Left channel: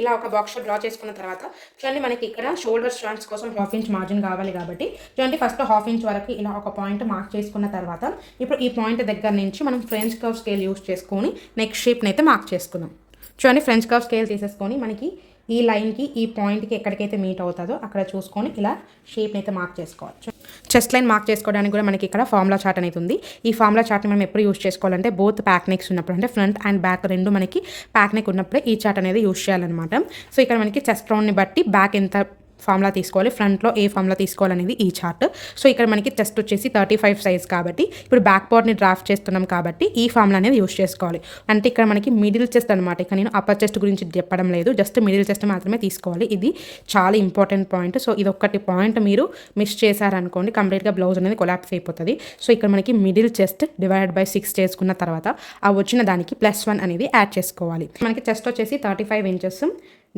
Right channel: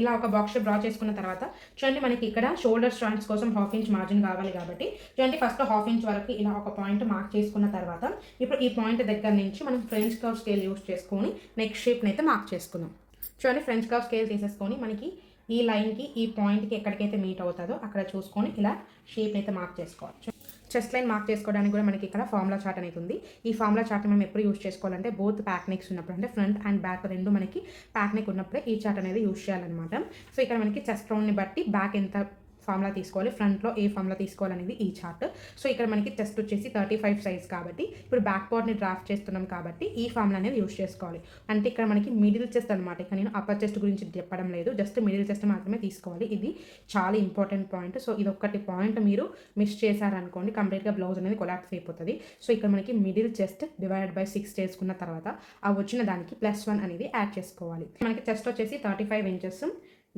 ఇలా ఒక box draw చేసుకున్న తర్వాత చూడండి మనకి ఇక్కడ షోల్డర్ జాయింట్స్ కోసం 1/2 ఇంచ్ మార్జిన్ కావాలి కాబట్టి చూడండి ఫస్ట్ 1/2 ఇంచ్ వరకు ఇలా ఒక పాయింట్ మార్క్ చేసుకున్న తర్వాత ఇప్పుడు ఈ పాయింట్ దగ్గర నుంచి మనం ఫ్రెంచ్ కర్వ్ స్కేల్ యూస్ చేసుకొని నెక్ షేప్ని అయితే మార్క్ చేసుకుందాం. చూడండి ఫ్రెంచ్ కర్వ్ స్కేల్ తీసేసుకొని మనకి ఈ లైన్కి ఈ పాయింట్కి ఎక్కడికైతే మీట్ అవుతుందో అక్కడ చూసుకొని ఇలా షేప్ని అయితే మార్క్ చేసుకోవచ్చు. చెస్ట్ లైన్ మార్క్ చేసుకోవడానికి కూడా మనకి ఇక్కడ ఫార్ములా చార్ట్ అనేది ఉంది. ఈ ఫార్ములా చార్ట్ని మనం ఎప్పుడు యూస్ చేసుకోవాలంటే బోత్ ప్యాక్ నెక్స్ ఉన్నప్పుడు, అంటే ఫ్రంట్ అండ్ బ్యాక్ రెండు మనకి ప్యాక్ నెక్ ఉన్నప్పుడే ఈ చార్ట్ అనేది యూస్ చేయాలన్నమాట. సో ఇక్కడ మనకి చెస్ట్ రౌండ్ని బట్టి బ్యాక్ ఎంత ఫార్ములా తీసుకోవాలి, ఫ్రంట్లో ఏ ఫార్ములా తీసుకోవాలనేది ఈ చార్ట్. సో ఇక్కడ మనకి చెస్ట్ వచ్చేసి 35 సైజ్ కాబట్టి ఇప్పుడు బ్యాక్ పార్ట్ని డ్రాఫ్ట్ చేస్తున్నాం కాబట్టి ఈ ఫార్ములా అనేది యూస్ చేసుకోవాలి. అంటే ఇక్కడ మనకి మిడిల్ చెస్ట్ అనమాట. ఇక్కడ నేను అప్పర్ చెస్ట్ గురించి చెప్పడం లేదు, జస్ట్ మిడిల్ చెస్ట్ మాత్రమే తీసుకోవాలి. ఇది చాలా ఇంపార్టెంట్ పాయింట్. సో ఇది ఒక్కటి పాయింట్ మీరు మిస్ చేశారనుకోండి కంప్లీట్గా బ్లౌజ్ అనేది కొలాప్స్ అయిపోతుంది. సో ఇక్కడ మనకి మిడిల్ చెస్ట్ డివైడెడ్ బై 6 చేసుకున్న తర్వాత ఆ వచ్చిన దానికి +1 అనేది యాడ్ చేసుకోవాలి. మనకి చెస్ట్ వచ్చేసి 35 ఇంచెస్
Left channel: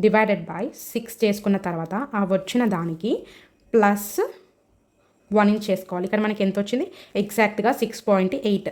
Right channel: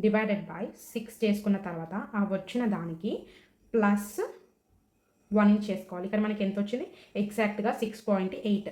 డివైడెడ్ బై 6 చేసుకున్న తర్వాత ఆ వచ్చిన దానికి +1 ఇంచ్ చేసుకోవాలి. ఇక్కడ మనకి ఎంత వచ్చింది, ఎగ్జాక్ట్గా 6.8.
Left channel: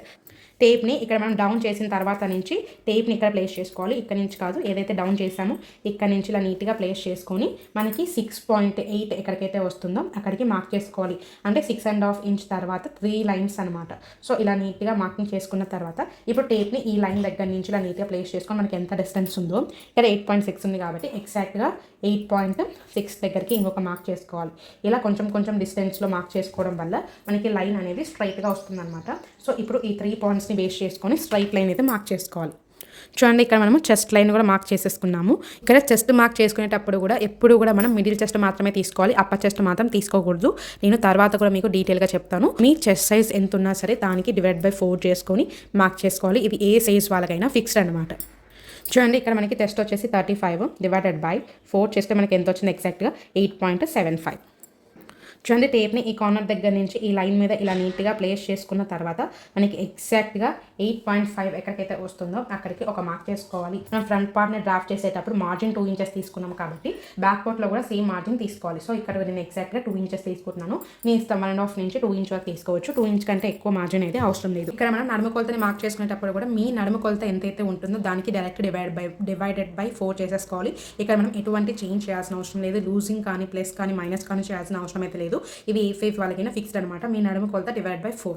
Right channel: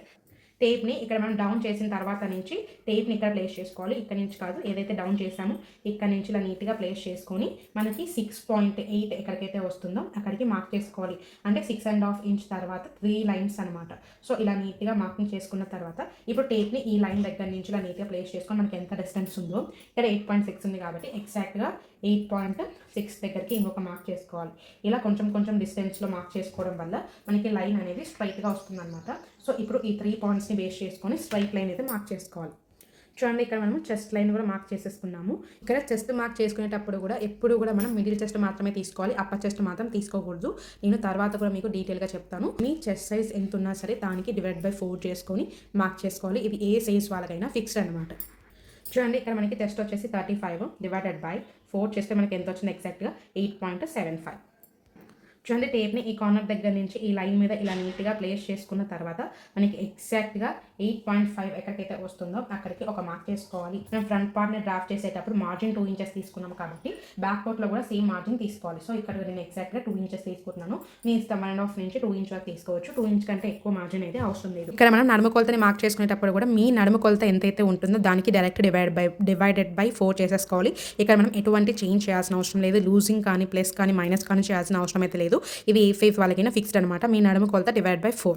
టేప్ని ఇక్కడ మనం డౌన్ చేసిన తర్వాత నుంచి టేప్ని ఇక్కడ ప్లేస్ చేసుకోవాలి. ఇక్కడ నుంచి కాదు, ఏదైతే డౌన్ చేసామో ఇక్కడ నుంచి ఇలా నీట్గా ప్లేస్ చేసుకొని మనకి 6.8 ఎక్కడికైతే వస్తుందో అక్కడికి మార్క్ చేసుకోవాలి. అంటే 6.5 ఇంచ్ తర్వాత 3 లైన్స్ అనమాట. సో ఇలా నీట్గా మార్కింగ్ చేసుకున్న తర్వాత ఇప్పుడు టేప్ని ఈ లైన్ దగ్గర నుంచి ఇలా నీట్గా ప్లేస్ చేసుకొని మనకి ఎంత డిస్టెన్స్ ఉందో ఇక్కడ 8.6 ఉంది కాబట్టి ఎగ్జాక్ట్గా 8.6 దగ్గరికి ఇంకొక మార్క్ చేసుకోవాలి. ఇలా కొంచెం కొంచెం డిస్టెన్స్లో మార్క్ చేసుకోవడం వల్ల మనకి లైన్ అనేది స్ట్రైట్గా వస్తుంది అనమాట. సో ఇప్పుడు ఈ 3 పాయింట్స్ని బేస్ చేసుకొని స్ట్రైట్ లైన్ అయితే మార్క్ చేసుకోవాలి. చూడండి ఇక్కడ మనము చెస్ట్ లైన్ కూడా మార్క్ చేసేసుకున్నాము. ఇక్కడ చెస్ట్ మార్క్ చేసుకునేటప్పుడు కూడా ఎప్పుడు కూడా మనం మిడిల్ చెస్ట్ మాత్రమే తీసుకోవాలి, అప్పర్ చెస్ట్ మాత్రం తీసుకోకూడదు. నేను తర్వాత కూడా మీకు డీటెయిల్గా చెప్తాను. మీ చెస్ట్ సైజ్ ఎంత ఉన్నా సరే దానికి /4 చేసుకొని మార్క్ చేసుకోవాలి. ఇది ఏ సైజ్ వాళ్ళకైనా ఫిక్స్డ్ అనమాట. చూడండి ఇక్కడ మనకి చెస్ట్ వచ్చేసి 35 డివైడెడ్ బై 4 చేస్తే మనకి ఎంత వచ్చింది, ఎగ్జాక్ట్గా 8.75. చూడండి టేప్ని ఈ కార్నర్ దగ్గర నుంచి ఈ లైన్ మీద ఇలా నీట్గా ప్లేస్ చేసుకున్న తర్వాత మనకి ఎగ్జాక్ట్గా 8.5 ఎక్కడికైతే వస్తుందో అక్కడికి ఒక మార్క్ చేసుకోవాలి. మనం ఫ్రంట్ పార్ట్ని డ్రాఫ్ట్ చేసేటప్పుడు మార్జిన్ 2 ఇంచెస్ తీసుకున్నాం కాబట్టి బ్యాక్ పార్ట్లో కూడా సేమ్ మార్జిన్ తీసుకోవాలి. సో ఇక్కడ నేను ఎగ్జాక్ట్గా 2 ఇంచెస్ తీసుకుంటున్నాను. మీ ఇష్టం 1.5 నుంచి 2 ఇంచ్ వరకు తీసుకోవచ్చు. 2 ఇంచ్ కంటే ఎక్కువ మార్జిన్ అయితే అవసరం లేదు. ఇక్కడ మనం నడుము కొలతని మార్క్ చేసుకునేటప్పుడు కూడా మీ నడుము కొలత ఎంతైతే ఉంటుందో దానికి డైరెక్ట్ డివైడెడ్ బై 4 చేసేసుకోవాలి. ఇక్కడ మనం ఎటువంటి చేంజ్ చేయాల్సిన అవసరం లేదు. లూజింగ్ కానీ ప్లస్ కానీ మైనస్ కానీ చేయాల్సిన అవసరం అయితే లేదు. ఇవి ఏ ఫేస్ వాళ్ళకైనా ఫిక్స్డ్ అనమాట. మీ నడుము కొలత /4.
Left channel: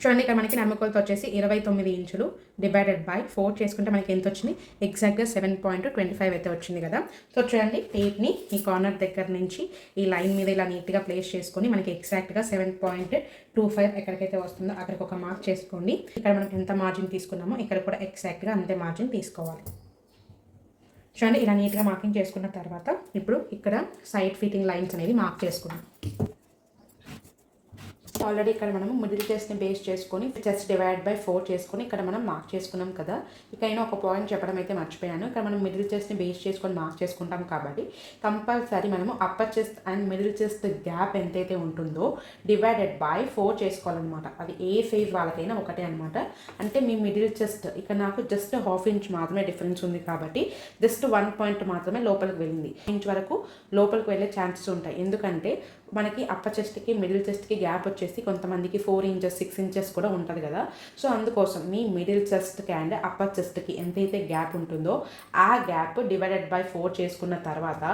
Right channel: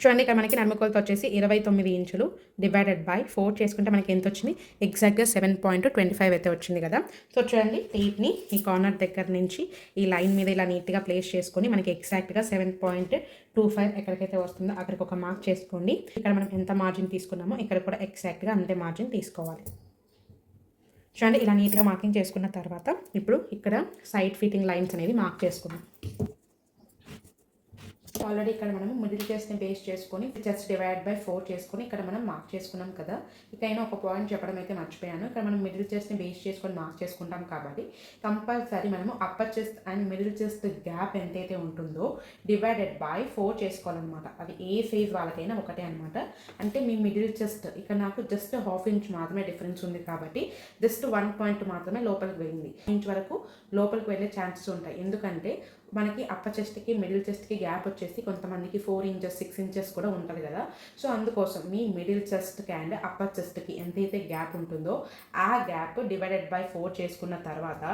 చూడండి ఇక్కడ మనకి నడుము కొలత వచ్చేసి 29 ఇంచులు డివైడెడ్ బై 4 చేసుకుంటే మనకి ఎంత వచ్చింది, ఎగ్జాక్ట్గా 7.25 అయితే వచ్చింది కదా. సో చూడండి టేప్ని ఈ కార్నర్ దగ్గర నుంచి ఈ లైన్ మీద ఇలా నీట్గా ప్లేస్ చేసుకొని మనకి ఎగ్జాక్ట్గా 7.25 ఎక్కడికైతే వస్తుందో అక్కడికి ఒక మార్క్ చేసుకోండి. ఇక్కడ మనం ఎంత మార్జిన్ తీసుకున్నామో ఇక్కడ కూడా ఎగ్జాక్ట్గా అంతే మార్జిన్ తీసుకోవాలి. చూడండి ఇలా నీట్గా మార్కింగ్ చేసుకున్న తర్వాత ఇప్పుడు ఇక్కడ సైడ్ ఫిట్టింగ్ లైన్స్ అనేది మార్క్ చేసుకున్నాం. ఆల్రెడీ ఇక్కడ మనము మిడిల్ చెస్ట్ని బేస్ చేసుకొని చెస్ట్ /4 చేసుకొని ఇక్కడ మనం మార్క్ చేసుకున్నాం కదా. ఇకైనా ఒక పాయింట్ చెప్పడం అయితే మర్చిపోయాను. ఇక్కడ మనం మిడిల్ చెస్ట్ని బేస్ చేసుకొని మార్క్ చేసుకుంటాం కాబట్టి కంపల్సరీ మనము upper chest and middle chest gap ఎంతైతే ఉంటుందో /4 చేసుకోవాలన్నమాట. అది ఏ సైజ్ వాళ్ళకైనా ఒకటే అనమాట. అంటే మీ మిడిల్ చెస్ట్ ఇక్కడ నాకు జస్ట్ 1/2 ఇంచ్ మాత్రమే డిఫరెన్స్ ఉంది కాబట్టి జస్ట్ 1 పాయింట్ మాత్రమే లోపలికి వెళ్ళింది. ఇంచ్ వరకు లోపలికి వెళ్ళే ఛాన్సెస్ ఉంటాయి. ఎందుకంటే మనకి అప్పర్ చెస్ట్కి మిడిల్ చెస్ట్కి గ్యాప్ వచ్చేసి కొంతమందికి 4 ఇంచెస్ 6 ఇంచెస్ కూడా ఉంటుంది కదా. సో అందుకోసం మీ మిడిల్ చెస్ట్కి అండ్ అప్పర్ చెస్ట్కి ఎంతైతే గ్యాప్ ఉంటుందో ఆ గ్యాప్ /4 చేసుకున్న తర్వాత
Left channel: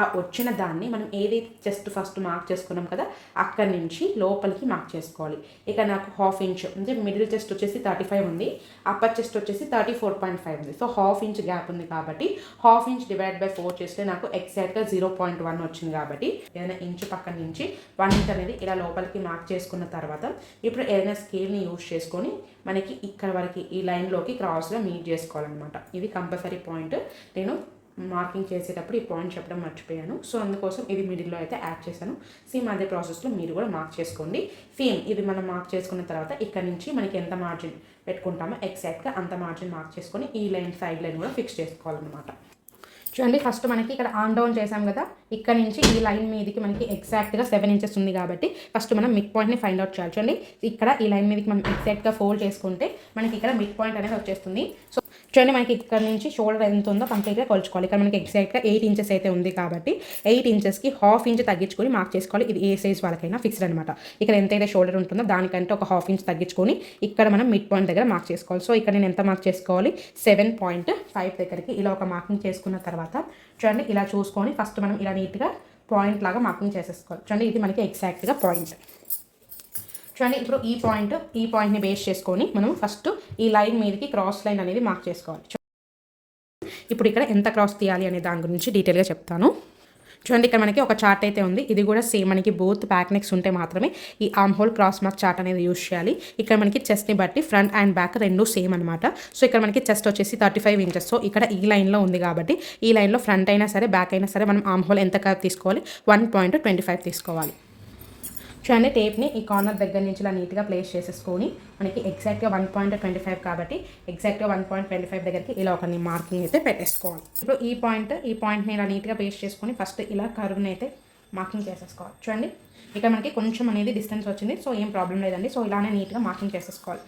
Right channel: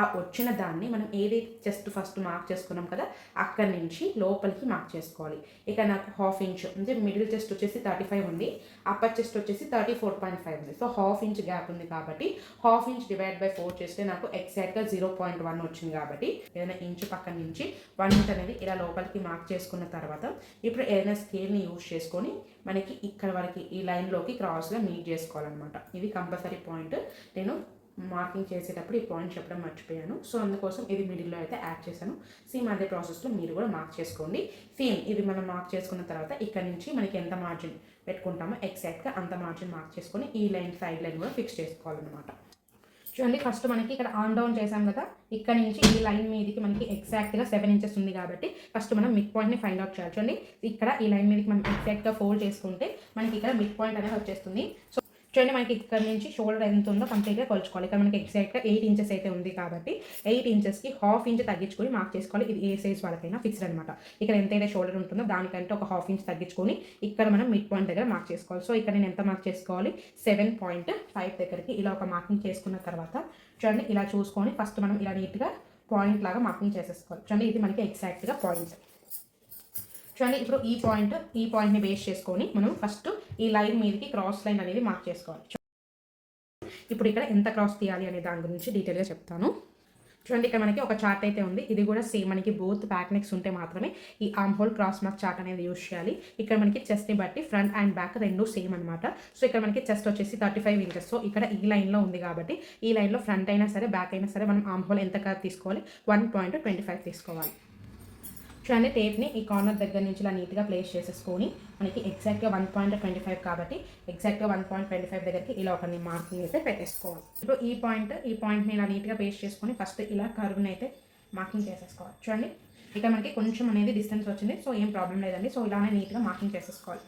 ఆ వచ్చిన దాన్ని మనం ఏదైతే చెస్ట్ ఫస్ట్ మార్క్ చేసుకున్నాం కదా అక్కడి నుంచి లోపలికి మార్క్ చేసుకోవాలి. ఇక నాకు 1/2 ఇంచ్ అంటే మిడిల్ చెస్ట్ వచ్చేసి 35 ఉంది, అప్పర్ చెస్ట్ వచ్చేసి 34.5 ఉంది. సో 1/2 ఇంచ్ గ్యాప్ ఉంది కాబట్టి 1/2 ఇంచ్ /4 చేస్తే నాకు ఎగ్జాక్ట్గా 0.1 వచ్చింది. కాబట్టి ఏదైనా ఇంచు పక్కన నుంచి 1 ఇంచ్ అనేది ఇలా లోపలికి మార్క్ చేసుకున్న తర్వాత ఇప్పుడు ఏదైనా స్కేల్ని యూజ్ చేసుకొని మనకి ఇక్కడ వరకు ఈ లైన్లోకి క్రాస్గా మీట్ చేసుకోవాలన్నమాట. ఇది కంపల్సరీ పాయింట్. నేను మార్కింగ్ చేసేటప్పుడు ఈ పాయింట్ చెప్పడం మర్చిపోయాను. సో అందుకోసం ఇది మిడిల్లో అయితే యాడ్ చేశాను. సేమ్ అదే ప్రాసెస్లో మీరు కూడా మార్క్ చేసుకోండి. సేమ్ ఇది మనం మార్క్ చేసుకున్న తర్వాత ఇక్కడ నుంచి మనకి ఎంత మార్జిన్ పెట్టుకుంటామో ఎగ్జాక్ట్గా అంత మార్జిన్ మార్క్ చేసుకొని ఈ లైన్ సైడ్ లైన్ కూడా ఫిక్స్ చేసుకోవాలన్నమాట. చూడండి ఫస్ట్ మనకి ఇక్కడ ఆన్ డౌన్ చేసాం కదా, ఇక్కడ నుంచి ఈ లైన్ మీదకి మనకి ఎగ్జాక్ట్గా 7 ఇంచెస్ ఉంది కాబట్టి ఫస్ట్ మనం మిడ్ పాయింట్ని ఫైండ్ అవుట్ చేయాలి. చూడండి ఇక్కడ ఈ లైన్ మీదకి మనం ఎగ్జాక్ట్గా ఫోల్డ్ చేసుకుంటే మనకి ఇక్కడ మిడ్ పాయింట్ అనేది వచ్చేస్తుంది. సో చూడండి మనకి ఇక్కడ నుంచి షోల్డర్ ఎంత ఉందో కంప్లీట్గా కొలుచుకోవాలి. ఇక్కడ మనకి ఎగ్జాక్ట్గా 8 ఇంచెస్ అయితే ఉంది కాబట్టి 8 ఇంచెస్కి హాఫ్ ఇంచ్ తగ్గించుకొని మార్క్ చేసుకోవాలి. ఇది ఏ సైజ్ వాళ్ళకైనా ఫిక్స్డ్ అనమాట. ఇక్కడ ఎంతైతే షోల్డర్ ఉంటుందో దానికంటే ఒక హాఫ్ ఇంచ్ తగ్గించుకొని ఇక్కడ మనం మిడ్ పాయింట్ దగ్గర మార్క్ చేసుకోవాలి. సో ఇక్కడ నేను ఎంత మార్క్ చేసుకోవాలి, 7.5 దగ్గరికి ఇలా ఒక మార్కింగ్ చేసుకున్న తర్వాత చూడండి ఇలా చూసుకొని ఫస్ట్ మనం ఇలా నీట్గా పాయింట్ లాగా మార్కింగ్ చేసేసుకోవాలి. చూడండి ఇది మనకి ఎగ్జాక్ట్గా పాయింట్. చూడండి ఇప్పుడు ఈ పాయింట్ని బేస్ చేసుకొని మనం ఫస్ట్ ఈ లైన్ మీదకి క్రాస్ లైన్ అనేది మార్క్ చేసుకోవాలి. ఇప్పుడు ఇక్కడ ఎంత క్రాస్ తీయాలి అనే దాని గురించి డీటెయిల్గా చెప్తాను. చూడండి ఇక్కడ మనకి ఒక చార్ట్ అయితే ఉంది. ఇది కూడా సేమ్ మనకి బోత్ బ్యాక్ నెక్స్ ఉంటే మాత్రమే ఈ arm whole cross mark chart అనేది యూజ్ చేయాలి. ఇక్కడ మనకి చెస్ట్ని బట్టి ఫ్రంట్ అండ్ బ్యాక్ రెండు సేమ్ అనమాట. సో ఇక్కడ మనకి చెస్ట్ వచ్చేసి 35 ఇంచెస్. సో ఇక్కడ ఈ లైన్లో ఉంది కాబట్టి ఈ లైన్లో ఫ్రంట్ అయినా సరే బ్యాక్ అయినా సరే మనం ఆర్మ్ హోల్ ఎంత కర్వ్ తీసుకోవాలి, 1.25 తీసుకోవాలి. చూడండి టేప్ని ఈ కార్నర్ దగ్గర నుంచి ఇలా నీట్గా ప్లేస్ చేసేసుకొని మనకి ఎగ్జాక్ట్గా 1.25 కాబట్టి ఎగ్జాక్ట్గా 1.25 దగ్గరికి ఇలా ఒక మార్కింగ్ అయితే పెట్టేసుకోవాలి. ఇప్పుడు ఈ పాయింట్ని ఇలా నీట్గా ప్లేస్ చేసుకొని ఫస్ట్ ఇలా కర్వ్ని అయితే మార్కింగ్ చేసేసుకోవాలి. చూడండి ఇక్కడ మనకి కొంచెం అనేది డిస్టెన్స్ వచ్చింది. సో ఏం ప్రాబ్లం లేదండి. సో ఇలానే నీట్గా మార్కింగ్ చేసేసుకోవాలి.